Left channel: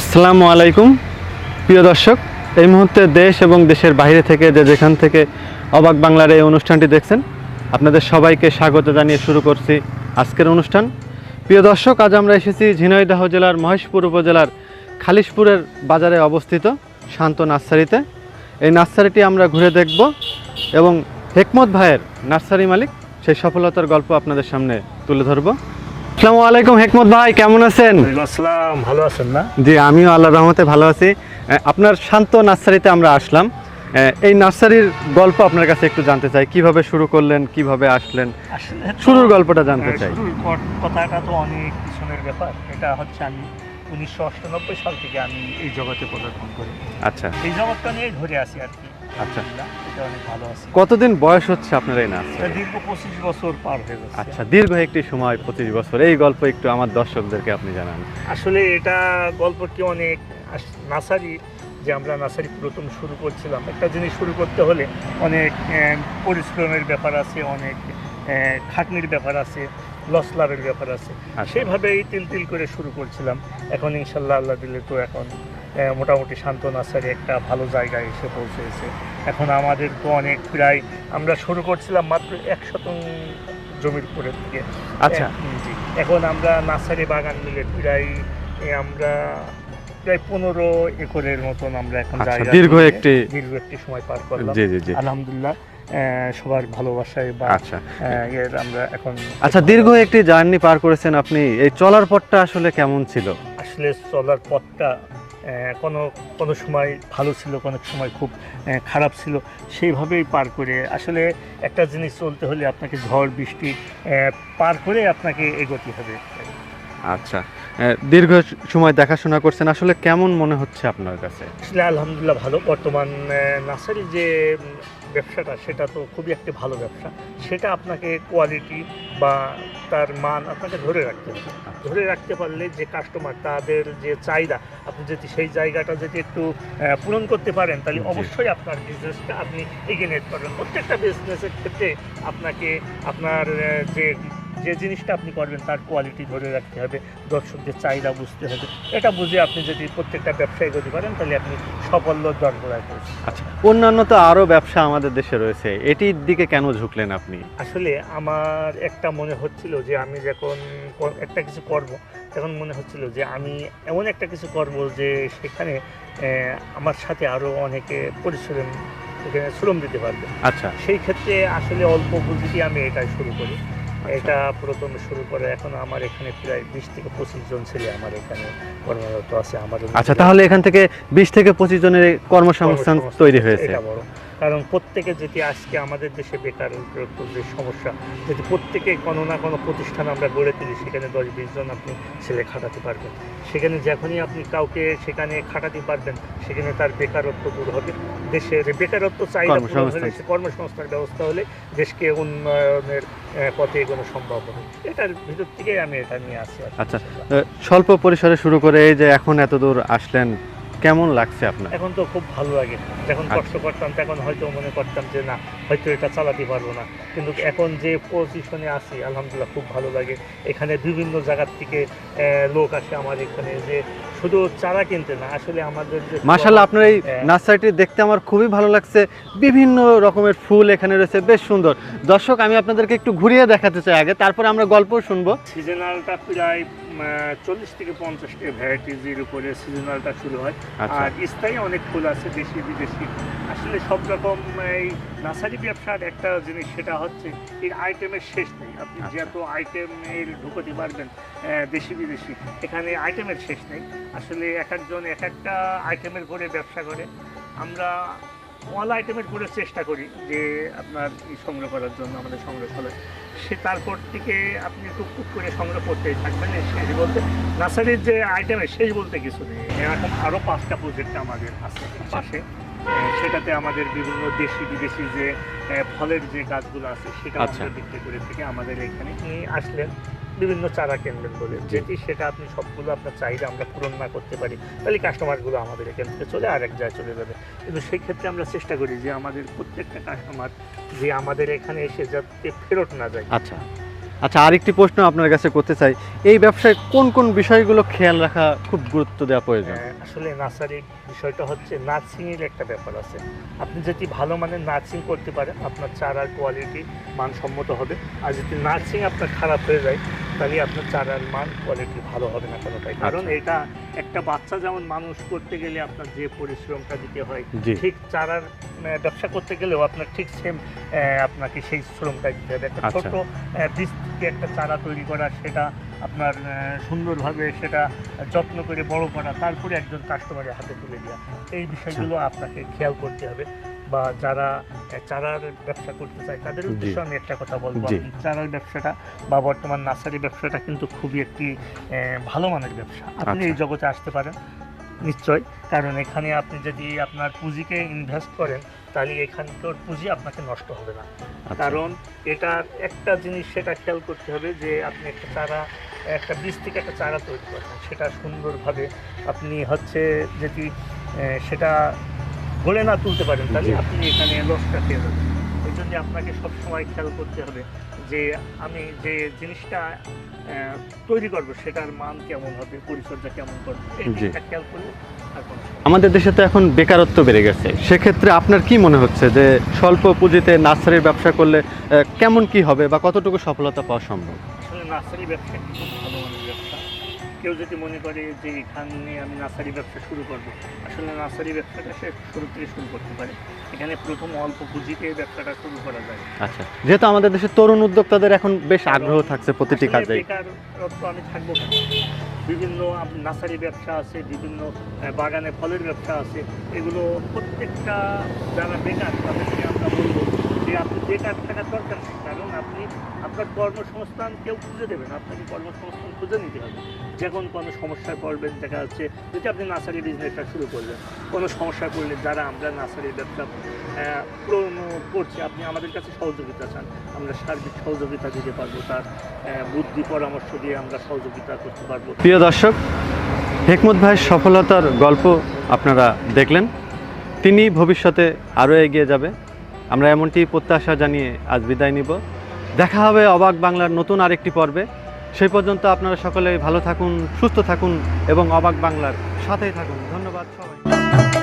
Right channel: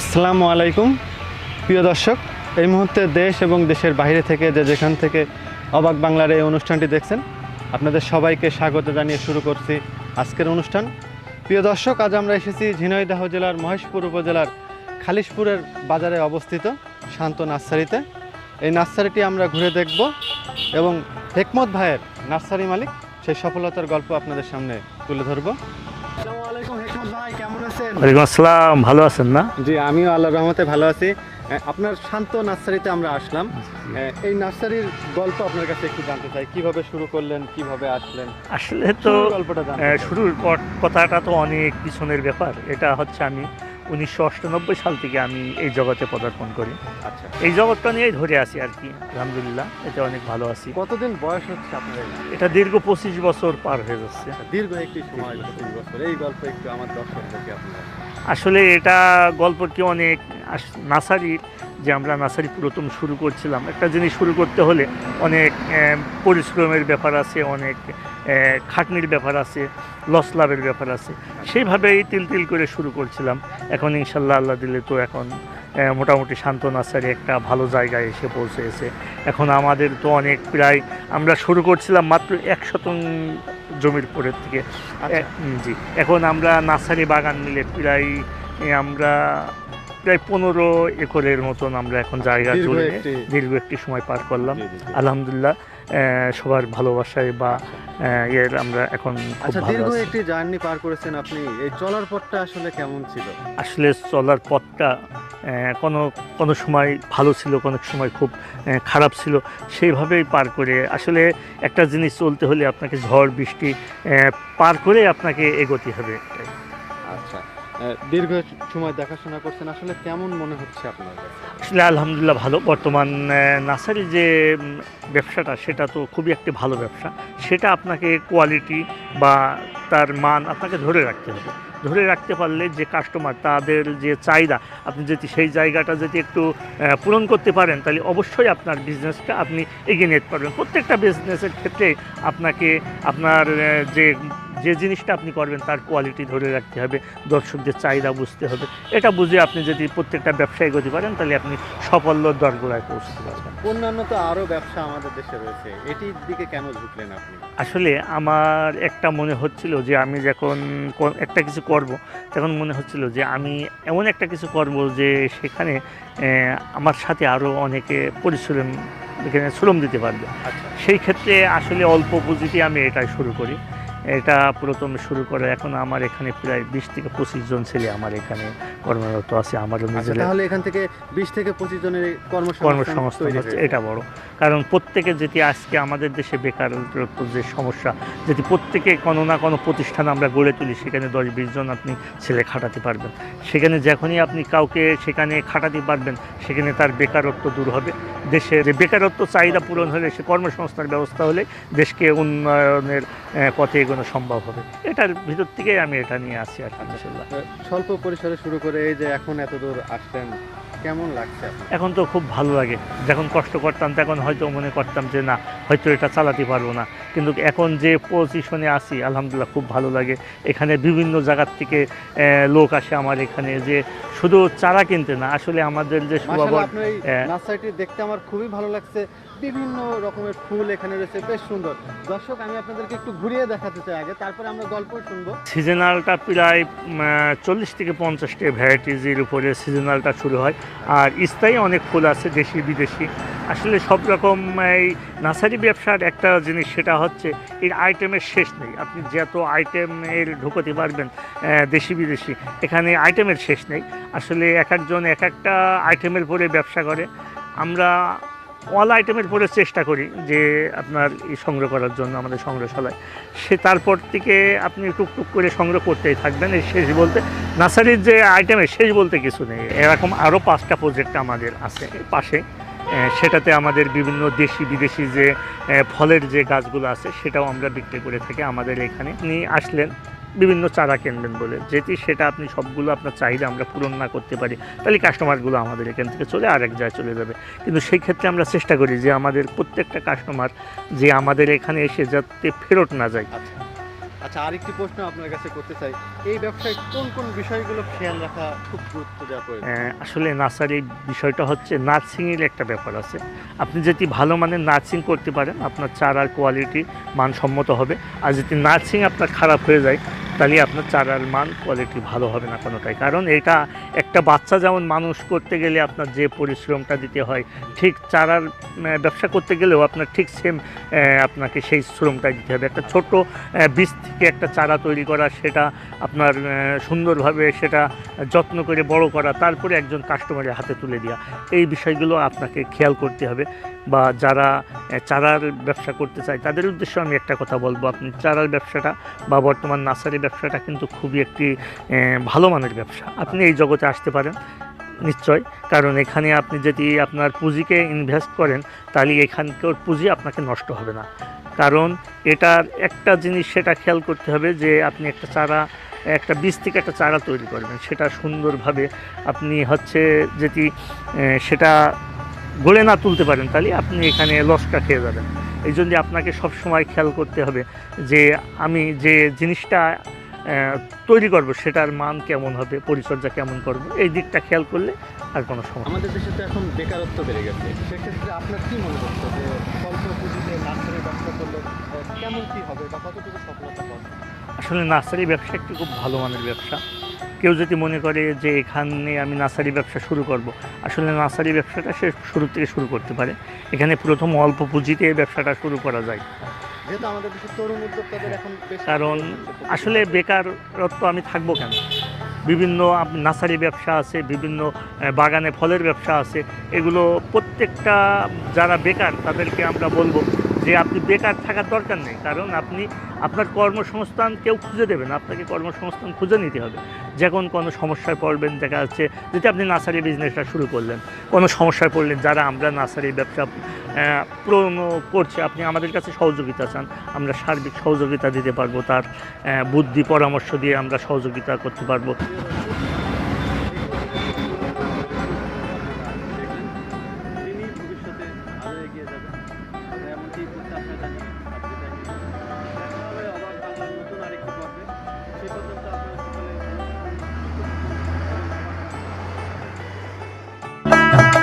আসসালামু আলাইকুম। প্রিয় দর্শক, এই মুহূর্তে দেশ এবং দেশের বাইরে থেকে যে যেখান থেকে অবাক বাংলার এই অনুষ্ঠানটি দেখছেন, আপনাদের সবাইকে স্বাগত জানিয়ে শুরু করছি আজকের অনুষ্ঠান। প্রিয় দর্শক, আজ আমরা এসেছি ঝিনাইদহ জেলার মহেশপুর উপজেলার খালিশপুরের বাজারে অবস্থিত শান্ত নার্সারিতে। এই নার্সারিটি আমরা ঘুরে দেখব এবং হেকমত ভাইয়ের নার্সারি মালিক সেই সফলতার গল্প আপনাদের সামনে তুলে ধরবো। আসসালামু আলাইকুম হেকমত ভাই কেমন আছেন? ওয়ালাইকুম আসসালাম ভালো আছেন না? জি আমিও আল্লাহ রহমতে ভালো আছি। আপনার শান্ত নার্সারিতে আমরা আসলাম। আহ, এই নার্সারির গল্প আপনার কাছে একটু জানতে চাই। কীভাবে শুরু করলেন কীভাবে আসলেন? আসলে শুরুর গল্পটা জানতে শুরুর কথাটা তো অনেক পিছনের ব্যাপার। এটা হচ্ছে আমি উনিশশো সাল থেকে আমি এই জগতে পদার্পণ করি। আচ্ছা। এই জগৎটা নিয়েই ধরে আছি আর কি আলহামদুলিল্লাহ এটা অনেক ভালো আছি। কতদিন বয়স হচ্ছে আপনার এই নার্সারি এটা দীর্ঘ পঁচিশ বছর পার হয়ে যাচ্ছে। আচ্ছা দীর্ঘ একটি সময় পঁচিশ বছর। এই গল্প একটু আমার দর্শকদেরকে আপনি জানান। আসলে এটা গল্পটি অনেক নাসারি যে আমরা নার্সারি প্রথম শুরু করছিলাম। একটা জিনিস শুরু করতে হলে অনেক পরিশ্রমের ব্যাপার আছে অনেক খাটনির ব্যাপার আছে লস লাভের ব্যাপার আছে। আচ্ছা। সেইভাবেই তিল তিল করে শুরু করছিলাম। এখন ইনশাল্লাহ আল্লাহ দিলে তো এখন মোটামুটি শান্ত নার্সারি একটা ভালো জায়গায় এসে পৌঁছেছে। এখন আমাদের তো অনেক প্রায় আমরা শুরু করছিলাম মাত্র এক শতং জমির পরের থেকে। আচ্ছা। জি। এখন আমরা নার্সারি বাগান মিলে প্রায় আমরা প্রায় পনেরো একরের মতন আমরা এখন আচ্ছা, জায়গা দীর্ঘ একটি দীর্ঘ একটি সময় পার করলাম। আলহামদুলিল্লাহ। সবার ভালোবাসায় বা আচ্ছা। এর আমরা এখন আচ্ছা দীর্ঘ একটি জার্নি পার করেছেন আপনি এই চলার পথটা আসলে কেমন ছিল? আসলে চলার পথটা কোনো কোনো সময় ভালো ছিল কোনো সময় খুব খারাপ ছিল সেইভাবেই পার করে আসলে একটা জিনিস চলতে হলে আপনাকে ঝড় বৃষ্টি পার করে আপনাকে এগোতে হবে। আচ্ছা। দীর্ঘ সময় দেখাশোনা করছেন, আসলে কেমন মনে হচ্ছে আপনার কাছে? আসলে আলহামদুলিল্লাহ ভালো। বর্তমান নার্সারি যে ব্যবসাটা, সেটা তো খুবই একটি ভালো ব্যবসা। সেটা আপনাকে কোয়ালিটি বা তার মান আপনাকে ধরে রাখতে হবে। ধরে রাখতে পারলে যে কাস্টমার তাদের যে চাহিদা, আপনি যদি সেই জায়গাটা যদি একটু পূরণ করতে পারেন, তাহলে অবশ্যই আপনার বিজনেসটা আপনি এগিয়ে নিতে পারবেন। প্রত্যেকটা বিজনেসের ক্ষেত্রে আপনাকে আপনার যে যে জিনিসটা আপনি করবেন তার কোয়ালিটি ধরে রাখতে হবে দর্শকদের চাহিদা বুঝতে হবে। এটা বুঝে আপনি যদি প্রত্যেকটা ব্যবসায় গতি পারেন তাহলে আপনি সাফল্য দরগোড়ায় পৌঁছতে আচ্ছা অন্যান্য তো আরও ব্যবসা আমাদের দেশে রয়েছে এটির দিকে কেন ঝুঁকলেন আপনি? আসলে আমার একটা মনে হচ্ছিল যে আমি যখন একটা কিছু করব তখন মনে হচ্ছিল যে আমি এমন একটা কিছু করব যে সেখানে আমার সাথে আরও অনেকে পরিশ্রম এখানে শ্রম দিতে পারবে। আচ্ছা। সেই ক্ষেত্রে আসলে অল্প পুঁজিতে আমি এটা শুরু করি। এটা প্রথম শুরু করে এখন আমার এখানে প্রায় বিশ থেকে পঁচিশ জন ছেলে আমার এখানে কর্মরত আছে আমার আচ্ছা তাহলে এখান থেকে বিশ থেকে পঁচিশ জনের কর্মসংস্থান কর্মসংস্থান তৈরি হয়েছে। এটা বড়। কারণ প্রত্যেকে যেটি আজকে আমাদের দেশে বেকারত্ব যে সমস্যা যদি প্রত্যেকে কোনো না কোনো প্রতিষ্ঠান আমরা গড়ে তুলি সেখানে দশ বিশ জন আপনি ছেলে খাটাতে পারবেন। সেখানে যখনই আপনি কাউকে সেখানে খাটাতে পারবেন সেখানে তার বেকারত্ব দূর হবে। দেশের বেকারত্ব চাহিদা পূরণ হলে সে কর্মসংস্থান ব্যবস্থা হলে দেশকে উন্নয়নের পথে এগোনো সম্ভব হবে। এটার ভিতর থেকেই আমি এটা নিয়ে আসি আচ্ছা। স্বল্প পরিসরে শুরু করে এই যে এখন এত দূর আসলেন কেমন লাগছে আপনার এখন তো খুব ভালো লাগে যখন। কষ্ট করতাম, তখন হয়তো মনে করতাম যে, না, হয়তো এটা চালাতে পারব না কিন্তু এখন যে পজিশনে আছি আলহামদুলিল্লাহ খুব ভালো লাগে। এখানে বিভিন্ন জায়গার থেকে লোক আসে আমার এখানে যে শুধু চারা কিনতে না আসলে আমাদের যে মাশাল্লাহ আপনার এই হ্যাঁ। নার্সারিটি দেখতে আমার খুবই ভালো লাগছে। বিভিন্ন রকমের ফুল এখানে রয়েছে বেশ সুন্দর। দর্শক আমি আপনাদেরকে একটু ঘুরিয়ে দেখাতে চাই আগে তারপরে আমরা গল্প শুনব। সিজনালটা প্রায় চল্লিশ থেকে পঞ্চাশটি ভ্যারাইটিজের উপরে সিজনালটা শুরু হয়। আচ্ছা। আর স্থায়ী অনেক ফুল আছে দেশি বিদেশি আসলে সব রকম এই নার্সারি ব্যবসার একটা জিনিস সেটা হচ্ছে এর আইটেমের শেষ নেই। আপনি যত আইটেম এর ঢুকতে পারবেন দেশি বিদেশি এখানে আইটেমের শেষ নেই। আসলে এক একজন এক একটা আইটেমের পরে ব্যবসা করে। আমরা অল আইটেমের পরে চেষ্টা করি যে আপনার এই সংগ্রহ করার জন্য আমাদের সংগ্রহশালায়। সে তারপর থেকে আপনি টুকটুক করে সংগ্রহ করতেই থাকবেন এই শেষ বলতে নার্সারির যে আইটেমের শেষ বলতে কিছু নেই। এরকম আরও পাঁচটা প্রজেক্ট আমাদের আছে পাশে। সেটাতে আমাদের বিভিন্ন দেশি বিদেশি যে ফলের যে গাছগুলো আছে সেটাও আচ্ছা। আমরা বিক্রি করে থাকি। আমাদের এখানে আপনি আসলেন বিভিন্ন চারা কিনবেন বলে। যেটি সেটা আপনি সবগুলো আপনার চাহিদা আমরা পূরণ না করতে পারি তাহলে কাস্টমারগুলো আমাদের এখান থেকে চলে আরেক জায়গায় চলে যাবে। কিন্তু সেই ক্ষেত্রে আমরা চেষ্টা করি যে আমাদের প্রত্যেকটা কাস্টমার যে আমাদের এখানে এসে যাতে ফেরত না যায়। আচ্ছা। আচ্ছা আরেকটি প্রশ্ন আপনার কাছে করতে চাই। এই ব্যবসায় কোন কোন বিষয়গুলো খেয়াল রাখা খুব গুরুত্ব দেওয়া প্রয়োজন? আহ, আসলে নার্সারি বিষয়টা হচ্ছে নার্সিংয়ের একটা ব্যাপার আছে। আপনি যদি ভালো মানের নার্সিং করতে পারেন আপনার চারার কোয়ালিটি মানসম্মত হবে। আর যদি নার্সিং আপনার খারাপ হয়ে যায় তাহলে আপনার চারার মান কোয়ালিটি ভালো হবে না কোনোটাই। কারণ এটা একটা বাচ্চা যেমন মানুষ করতে গেলে আপনার যে পরিশ্রমটা দিতে হয় ঠিক চারার ব্যবসা করতে গেলেও আপনার ঠিক সেম আপনাকে সেই শ্রমটা দিতে হবে। একটা আচ্ছা। ছোট বীজ থেকে একটা চারা তৈরি করা সেটা আপনার সুন্দরভাবে সেটা যত্ন করে বড় করা তারপরে একজন কাস্টমারের হাতে তুলে দেওয়া এই বিষয়গুলো আপনাকে খেয়াল করতে হবে বা যারা চারার ব্যবসা করতে চায় তাদের উদ্দেশ্যে আমি একটা কথা বলব। আপনি চারার ব্যবসাটা বা বর্তমান নার্সারি ব্যবসাটা কিন্তু খুবই একটি ভালো মানের ব্যবসা। আপনি আচ্ছা। এই জগতে আসতে পারেন। নিশ্চয়। কারণ এখানে আপনি যদি আপনার পুঁজিকে ইনভেস্ট করেন, তাহলে এখানকার পুঁজি আপনাকে নষ্ট হবে না। কারণ এটার একটা জিনিস সেটা খেয়াল করতে হবে যে, আপনি একটা চারা, একটা বীজ থেকে একটা চারা তৈরি করবেন। সেটা সুন্দরভাবে আপনি হচ্ছে যেটি সেটা গড়ে না তুলতে পারেন তাহলে আপনি এখানে লসটা খেয়ে যাবেন। এই জন্য আপনাকে সবসময় খেয়াল করতে হবে যে আমি যে জিনিসটা তৈরি করব সেটার মান কেমন হবে পরিচর্যা কেমন করব এই দিকটা খেয়াল করলে আর কোনো সমস্যা আমাদের দেশে তো এখন বেকারত্ব বেড়ে গেছে। সেক্ষেত্রে আপনার কি মনে হচ্ছে যে স্বল্প পুঁজিতে নার্সারির ব্যবসা করলে কেমন কি হবে বা কতটুকু সফলতা পাওয়া সম্ভব? আসলে নার্সারি ব্যবসা একটি খুব ভালো মানের ব্যবসা। কেউ যদি মনে করে যে এখানে আমি নার্সারি ব্যবসা শুরু করব আসলে নার্সারি ব্যবসাটা সে শুরু থেকে শুরু করতে পারে। এখানে প্রথম অল্প পুঁজিতে ব্যবসাটা শুরু করা যায়। আচ্ছা যেহেতু আমাদের দেশে তরুণ উদ্যোক্তাদের এখন বেশ আগ্রহ থাকছে আসলে বেকারত্ব আমি থাকব কেন? বিভিন্ন নার্সারি ব্যবসা আছে বিভিন্ন বাগানে ফলের ব্যবসা আছে। এগুলো প্রত্যেকটা যারা বেকার তাদেরকে আমরা বলব যে আপনি বেকার থাকার দরকার নেই। কারণ আপনি আপনার কর্মসংস্থান কেউ খুঁজে দেবেন আপনাকে কর্মসংস্থান খুঁজে নিতে হবে। যখন কোনো সমস্যায় পড়বেন, দেখা যাচ্ছে যদি আপনি নার্সারি বিজনেসটা শুরু করলেন, কোনো সমস্যায় পড়লেন, যারা আমরা নার্সারি ব্যবসা করছি, আপনি আমাদের কাছে সহযোগিতা চান, আমরা সার্বিক সহযোগিতা দিতে পারব, তার বুদ্ধি, পরামর্শ দিয়ে আমরা সহযোগিতা করতে পারব। প্রিয় দর্শক, হেকমত ভাইয়ের সফলতার গল্প আপনারা দেখলেন। তিনি ভবিষ্যতে আরও এগিয়ে যাবে। আমরা এমনটি প্রত্যাশা জানিয়ে আজ বিদায় নিব। দেখা হবে অবাক বাংলার নতুন আরেকটি পর্বে। সেই পর্যন্ত আপনারা সকলে ভালো থাকুন, সুস্থ থাকুন এবং অবাক বাংলার সাথেই থাকুন। ধন্যবাদ।